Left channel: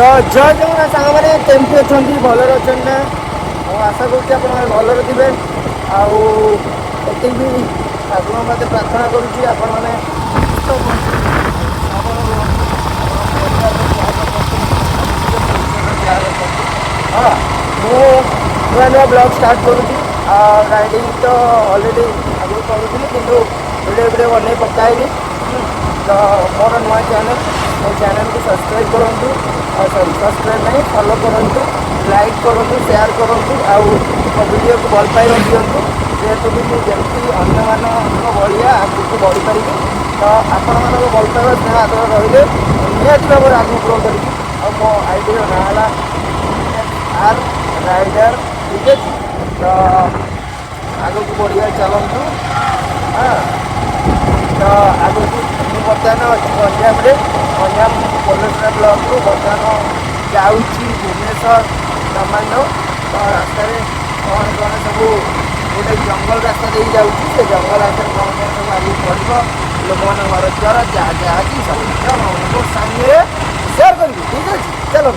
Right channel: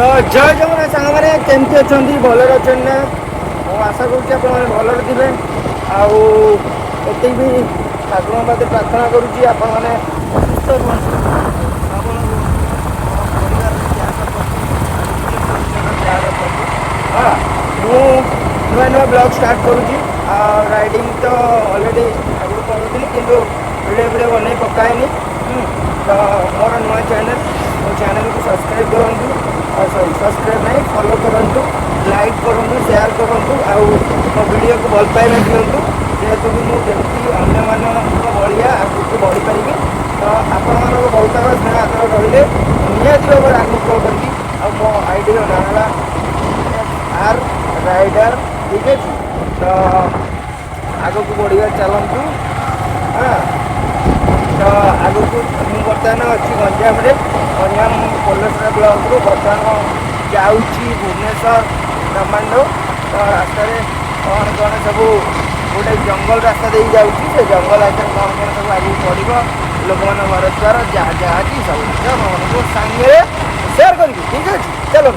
तो जय जगन्नाथ सांग मैंने केमती अच्छा भलर अच्छा ମୁଁ ଆଶା କରୁଛି ଆପଣମାନେ ଭଲରେ ଥିବେ। ଆଉ ଏତିକି ବି ଠାକୁରଙ୍କ ପାଖରେ ପ୍ରାର୍ଥନା କରୁଛି ଆପଣମାନେ ସୁସ୍ଥ ରୁହନ୍ତୁ, ସବଳ ରୁହନ୍ତୁ, ଆପଣ ପରିବାରରେ ଯାହା ରଖନ୍ତୁ ଆଉ ନିଜ ପରିବାର ଯାହା ରଖନ୍ତୁ। ହଁ, ମୁଁ ନୂଆ ନୂଆ ବ୍ଲଗ୍ ଷ୍ଟାର୍ଟ କରୁଛି। ରାଇଡ଼ିଂ ତ ଅଲରେଡ଼ି ଆଗରୁ କରୁଥିଲି କିନ୍ତୁ ଭିଡ଼ିଓ ବନେଇ ପକାଏନି। ତ ମୋର ନୂଆ ଚ୍ୟାନେଲ୍, ମୋ ଚ୍ୟାନେଲ୍କୁ ସବସ୍କ୍ରାଇବ୍ କରନ୍ତୁ। ସରି ସବସ୍କ୍ରାଇବ୍ ନାହିଁ, ଫଲୋ କରନ୍ତୁ, ଲାଇକ୍ କରନ୍ତୁ, ସେୟାର କରନ୍ତୁ ଆଉ ମୋ ଭିଡ଼ିଓକୁ ଭଲ ପାଇବା ଦିଅନ୍ତୁ। ଯେହେତୁ କି ମୁଁ ଯେମିତି ଅନ୍ୟମାନଙ୍କ ଭଳିଆ ଆଗକୁ ବଢ଼ିପାରିବି। ତ ଆପଣମାନଙ୍କ ଭଲ ପାଇବା ସ୍ନେହ ଆଦର ରହିଲେ ନିହାତି ଭାବରେ ଆଗକୁ କରିବି। ଆଉ ମୋ ଆଇଡ଼ିର ନାଁ ହେଲା ଆର୍ ରାଇଡର୍, ଠିକ୍ ଅଛି। ତ ଆଗକୁ ବଢ଼ିବା ଚାଲନ୍ତୁ। ହଁ, ତ ଆଗକୁ ମୁଁ ବର୍ତ୍ତମାନ ଅଛି ଗଞ୍ଜାମରେ। ଗଞ୍ଜାମ ପୋଲସରା ବ୍ଲକରୁ ବର୍ତ୍ତମାନ ଯାଉଛି ଭୁବନେଶ୍ୱର ବ୍ରହ୍ମାଣ୍ଡ। ତ ରାସ୍ତାରେ କ'ଣ କ'ଣ ସବୁ ଗୋଟେ ଜଙ୍ଗଲ ରାସ୍ତା ଦେଇ ଯାଉଛି। ସେ ଜଙ୍ଗଲ ରାସ୍ତାରେ କ'ଣ କ'ଣ ସବୁ ଆଗକୁ ପଡ଼ିବ, ଲୋକମାନଙ୍କ ଘର ଦ୍ୱାରା ଯାହା ଯାହାକି ସବୁ ମୋ ସାଙ୍ଗରେ ସେୟାର କରିବି, ଠିକ୍ ଅଛି। ଚାଲୁ।